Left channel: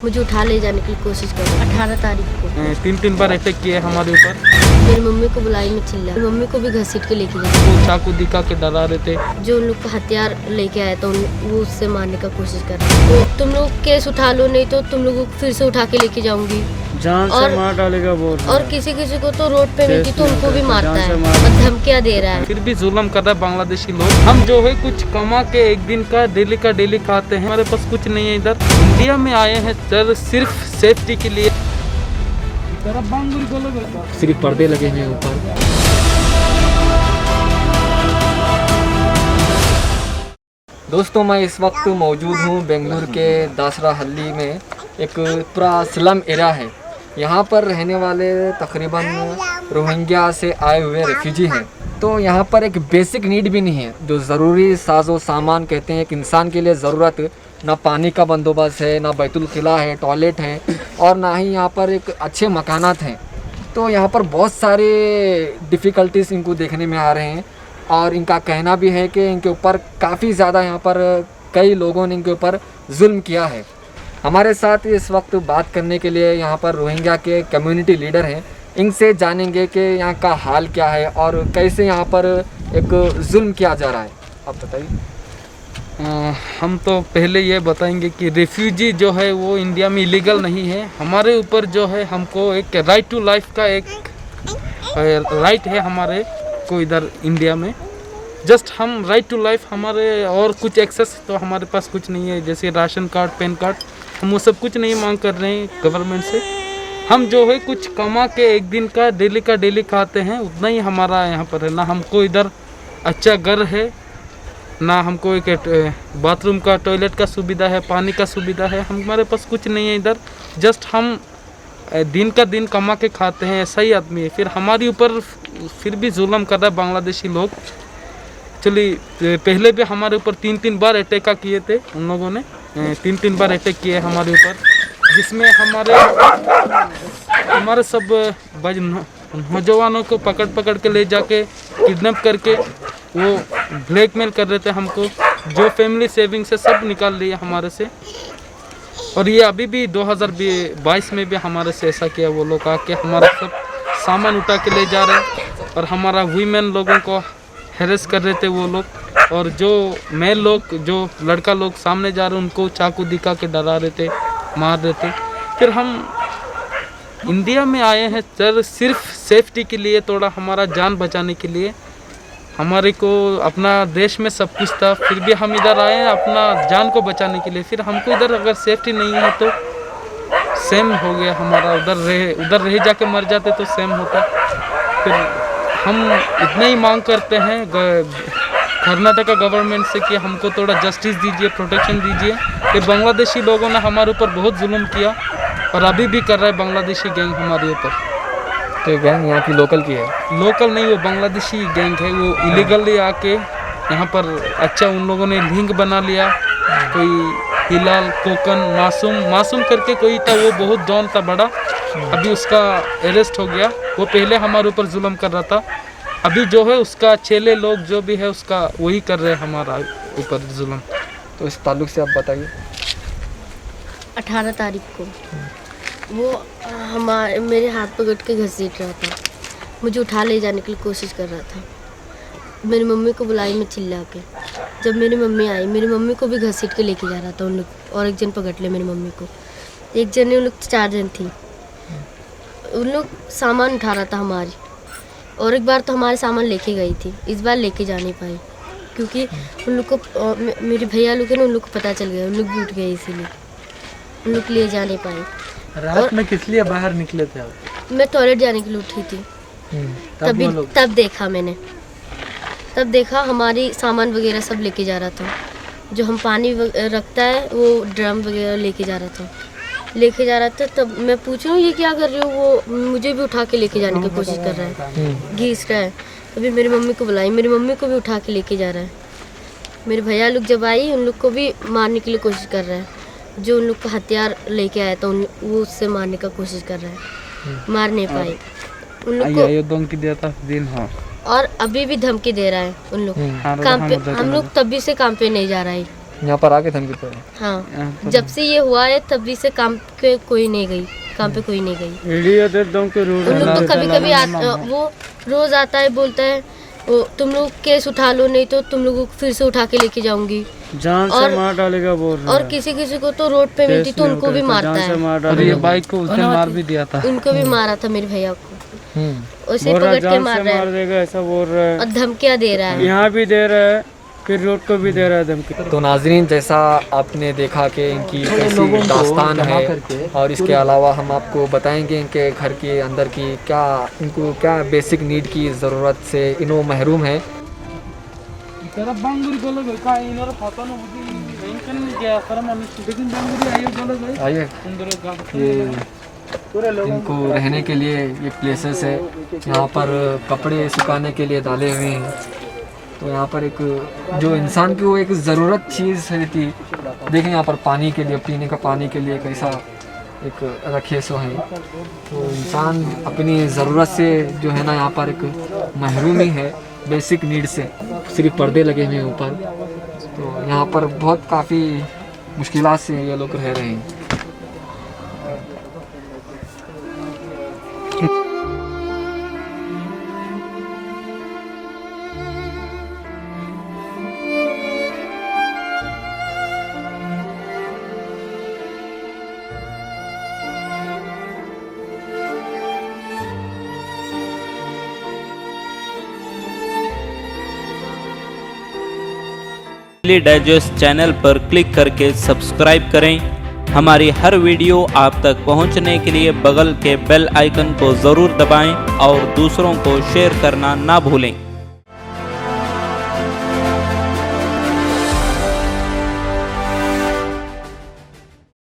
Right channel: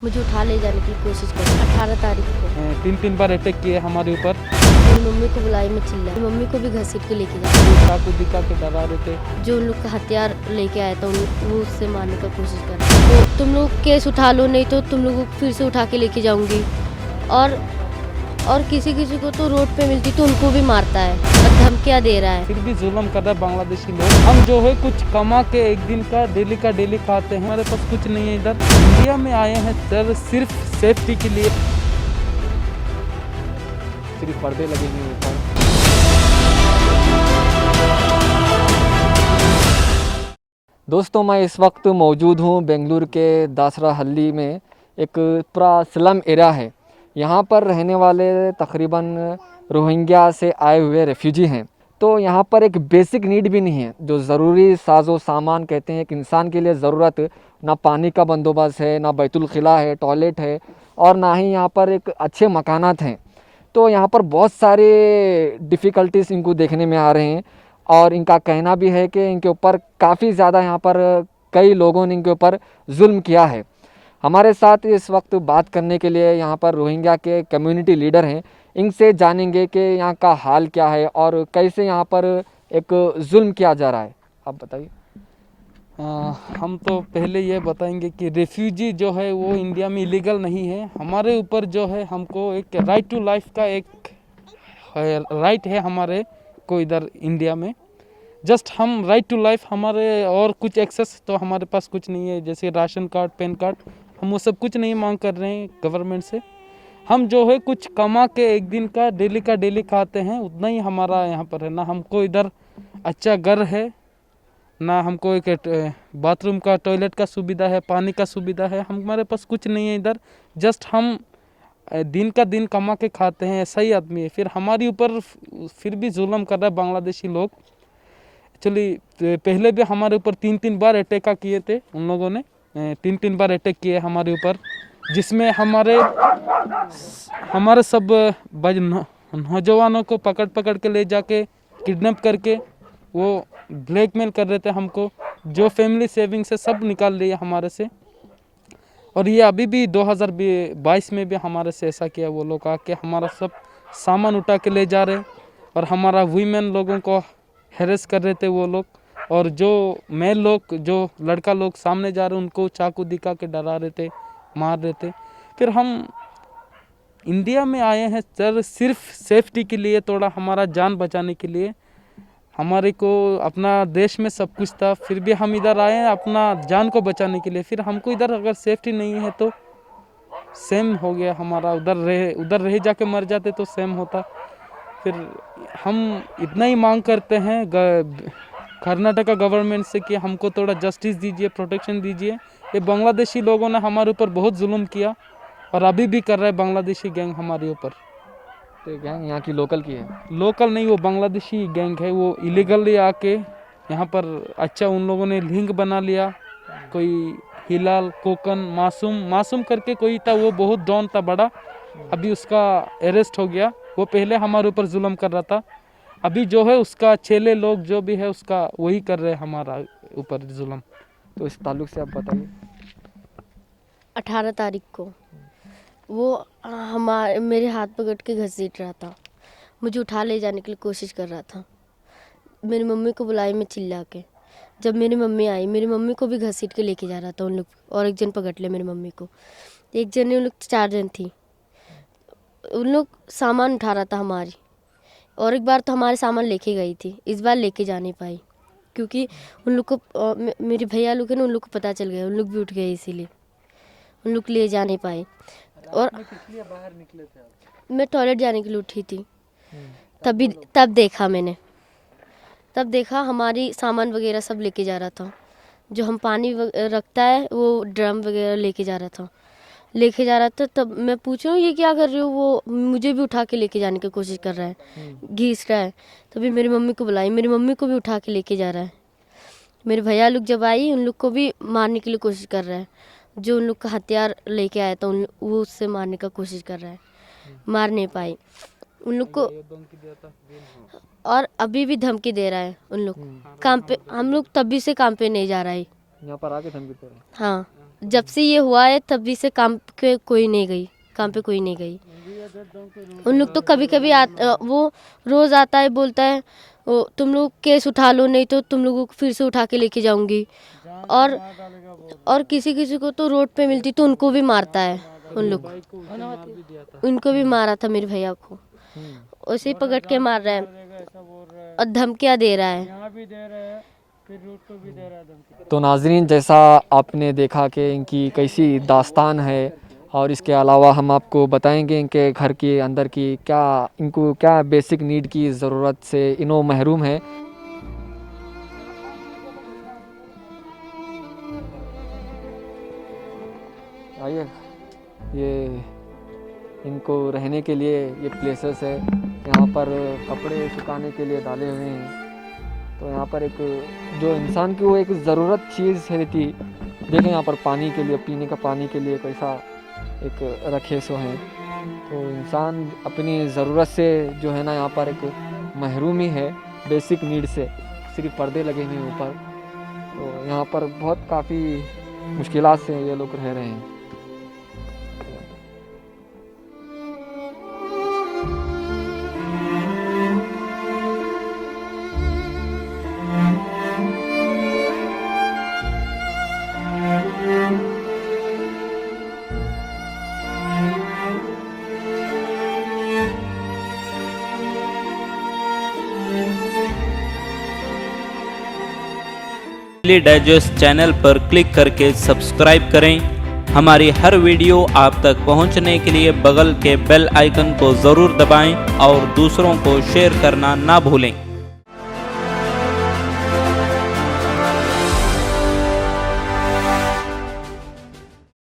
मुझे उठा ले जाने की कोशिश की 18 तारीख को। 3 बार अटैक किए हमारे ऊपर। मेरी मम्मी को बुलाई में चिल्ला, मेरी मम्मी को भी घसीट के लेके गए। वो चाकू दिखा के डरा रहे थे। जो उन लोग का हथियार लेके आया था वो उससे मारने का कोशिश कर रहे थे। तो तुम लोग केस उठा लो, नहीं तो तुम लोग फिर से उठा के लेके जाऊंगी, जान से मार डालेगा वो। और किसी किसी को तो रोड पे मिलती तो उनको भी मारता है और धमकियाँ दे रहा है। फिर भी जुल्म कर रहा है बांग्लादेशी लोग। हम जो है कुछ कमा के एक दिन का डेली खाते हैं। हमारे पास कुछ नहीं है। इधर इंडिया में आए हैं सर सिर्फ सेफ्टी के लिए। सिर्फ पर्दे लगे हैं ऊपर। दोस्तों, मैं इस वक्त मौजूद हूँ बेंगलुरु के दासरा हल्ली में। एक पूरा स्लम एरिया है। यहाँ पर रहने वाले तकरीबन रोहिंग्या से आए हुए रेफ्यूजी हैं। तो यहाँ पर एक बेसिक नीड भी नहीं है, जो ज़रूरी साजो सामान कहते हैं एक इंसान के लिए ज़रूरत। ना पानी का बंदोबस्त है, ना बैतुल खिला है, टॉयलेट है, और ना ही यहाँ पर एक अच्छे मकानात हैं। तो यहाँ पर बहुत सारे डिफ़िकल्टीज इनको देखने में आ रहे हैं, और इनका कहना भी है कि इनके ऊपर काफ़ी ज़्यादा यहाँ पर कई लोगों ने इनके ऊपर जुल्म किया है। हमारे साथ इस वक्त बात करने के लिए यहाँ पर रोहिंग्या के कम्युनिटी लीडर हैं। इनसे जानेंगे कि यहाँ का हाल क्या है और कैसे यहाँ पर एक जुल्म किया जा रहा है। आप बताइए। हम तो पहले ये बताएंगे कि रेफ्यूजी जो है वो इंडिया में इलीगल नहीं है। हमारे ऊपर जो है हमको एक राइट टू लाइफ का एक राइट है हमारे को इधर इंडिया में। जस्ट हम राइट टू लाइफ हमारे, और कुछ एक्सेस तो हमारे पास कुछ नहीं है, जैसे राशन कार्ड, पैन कार्ड, हम वो सब कुछ नहीं मांग कर रहे हैं गवर्नमेंट से। हम जो है कुछ कमा के एक दिन का डेली खाते हैं, उतना ही हमारा यहाँ पर है। ना हमको इधर अच्छा घर है, ना हमको एक बाथरूम का, टॉयलेट का सुविधा है, पानी का सुविधा है। हमारे पास कुछ नहीं है इधर। जस्ट हम दिन का दिन कमा के खाते हैं, ऐसा ही आदमी है। फिर हमारे ऊपर फिर भी जुल्म कर रहा है बांग्लादेशी लोग। चलिए, पहले भी हमारे ऊपर 3 बार अटैक किए थे उन लोगों ने। 3 बार अटैक किए हमारे ऊपर, जिसमें हमारे सब नौजवानों को पकड़ के ले जाके किडनैप करके वो ब्लैकमेल कर रहे थे हमको। जो फैमिली सेविंग से सब निकाल लिए हमारे से। और ये अभी भी 2022 में भी हमारे से ऐसा किया। वो लोग आके हमारा सब सामान उठा के ले जा रहे, और हमारा वीमेन लोगों को हैरेस कर रहे थे वो लोग। और जो मेल लोग, जो लड़का लोग सामने जा रहे, उनको चाकू दिखा के डरा रहे थे, मार रहे थे। फिर हम इंडिया में आए हैं सर सिर्फ सेफ्टी के लिए, थोड़ा हमारा जान बचाने के लिए। हमारे को अपना देश में सब कुछ था, फिर भी हम इधर आए हैं अपना जान को बचाने के लिए। फिर हमको इधर अगर सेफ्टी नहीं है तो सेम हो गया हमारा। उधर रह जाके मर जाते तो सेम होता। फिर हम इतना ही मांग करते हैं कर्नाटका गवर्नमेंट से कि हमको थोड़ा जस्टिस दीजिए, प्रोटेक्शन दीजिए। फिर बांग्लादेशी लोगों ने हमारे ऊपर बहुत जुल्म किया, और अभी भी कर रहे हैं बांग्लादेशी गैंग हमारे ऊपर। तो गैंग यहाँ की लोकल की है? लोकल नहीं, वो बांग्लादेशी गैंग है। वो इलीगली आके यहाँ पर अच्छा उन लोगों ने लिंक बना लिया। कोई हिलाल, कोकन, मासूम करके कोई था, वो बहुत डॉन था बड़ा। अभी उसका अरेस्ट हो गया। वो पहले हमारे ऊपर जुल्म कर रहा था। अभी जो है उसका चेले लोग जो भी है उसका वही कर रहे हैं हमारा ऊपर जुल्म। तो इस ताल्लुक से आप बताइए। 18 तारीख को वो मेरे हाथ पकड़ के घसीट रहा था, मुझे उठा ले जाने की कोशिश कर रहा था। मेरी मम्मी को बुलाई में चिल्ला के। जब मेरी मम्मी आई, मेरी मम्मी को भी घसीट के लेके जा रहा था उन लोग, और एक जन पकड़ ले मेरी मम्मी को। एक जन ने, उन लोग 4 जन थी। उन लोग सामान उठा रहा था हमारी, और एक बार तो हमारे सामान लेके गई थी। इस बार लेके जा नहीं पाई, क्योंकि उन लोग को, मेरे भैया लोग हैं ना, उन लोग को पता चल गया, उन लोग भी उठ गए, इसीलिए उन लोग ले जा नहीं पाए। रात में किस लिए बाहर निकले थे आप? मैं टॉयलेट जाने के लिए उठी थी। तब देखा हमारी सामान वगैरह सब लेके जा रहा था। जो हम पानी रखता है वो ड्रम वगैरह लेके जा रहा था। तब मैं पूछ रही हूँ ये क्या कर रही हो, वो मुझे भी उठा के लेके जाने की कोशिश कर रहा है, घीस रहा है। तभी मेरी मम्मी को बुलाई, मेरी मम्मी को भी उठा के लेके जा रहा है। मेरे भैया लोग जब आई, उन लोग को भी मारने के लिए कोशिश कर रहा है। जो उन लोग का हथियार लेके आया था वो उससे मारने का कोशिश कर रहा है, मार नहीं पाए उन लोग को। और अभी भी धमकी दे रहा है उन लोग। काम पे हम लोग तभी से काम पे नहीं जा रहा है। यहाँ पर आके धमकी पड़े? हाँ, जब से ये हुआ है तभी से काम पे कोई नहीं गई। उन लोग तो कभी कभी वो रोज आता है, बोलता है वो तुम लोग केस उठा लो, नहीं तो तुम लोगों को फिर से उठा के लेके जाऊंगी, जान से मार डालेगा बोल रहा है। और किसी किसी को तो रोड पे मिलती तो उनको भी मारता है। और ये बाइक को उसने मार भी दिया था। उनको भी मारा था मेरे भैया को, उसे पकड़ के मार रहा है देगा ऐसा बोल रहा है, और धमकियां दे रहा है। यहाँ भी दे रहा है, फिर रोड को भी दे रहा है धमकी। तो नाजरीन, जैसा आपने देखा कि इनकी कैसी दास्तान है, और इसके अलावा हम आपको बताएंगे इनके घर के अंदर की इनको क्या बेसिक नीड की ज़रूरत से इन्हों महरूम है। आइए, ये इनको रहने के लिए ये प्लेसेस है, यहाँ पर कपड़े सुखाने के लिए डाले हुए हैं। तो यहाँ पर एक जो इंसान की वो एक ज़रूरत चीज़ रहती, देखें यहाँ पर पानी के लिए, पीने का पानी के लिए कैसा एक रखे सो है। तो इंसान अपनी ज़रूरत से जो है ना यहाँ पर एक महरूम ही है बेसिक नीड से। सिर्फ पर्दे लगे हुए हैं ऊपर, तो यहाँ पर बहुत काफ़ी मुश्किलात से ये लोग रह रहे हैं। डेली डाइजेस्ट चैनल पर क्लिक करके सब्सक्राइब करें। हमारी हर वीडियो आप तक पहुंचने के लिए बगल के बेल आइकन को ज़रूर दबाएं और दूसरों को शेयर करना ना भूलें।